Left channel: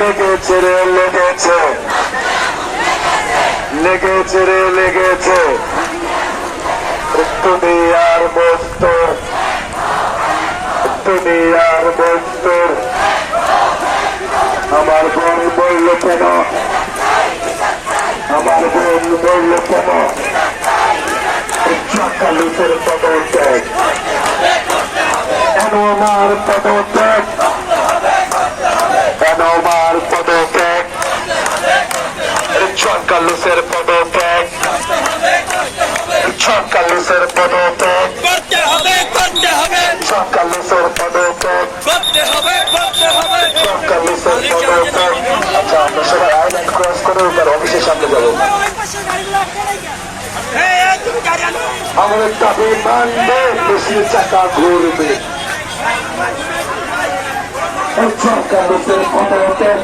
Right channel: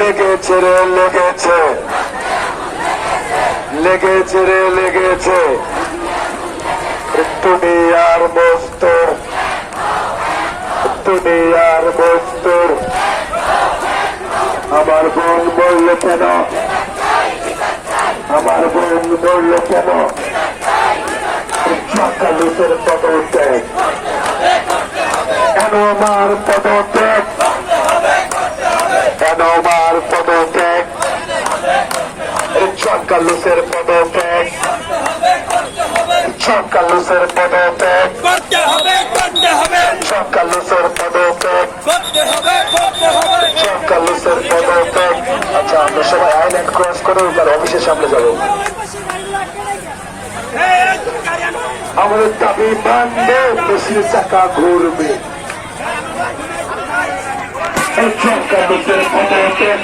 লেগেছে রে লেগেছে, লেগেছে রে লেগেছে, দুনিয়ার বস্তুর, দুনিয়ার বস্তুর। আমার বোন বলল কেন, আমার বোন বলল কেন, চক্কালুসের পদত্যাগ, কেন আমার পদত্যাগ, কেন আমার পদত্যাগ, চক্কালুসের পদত্যাগ, চক্কালুসের পদত্যাগ, চক্কালুসের পদত্যাগ, চক্কালুসের পদত্যাগ। আচ্ছা, আমরা সবাই আইল্যান্ড ক্রস করে তার অফিসের সামনে যাবো। আমাদের দাবি মানবে, দেশের চাকা ঘুরবে। চক্কালুসের পদত্যাগ,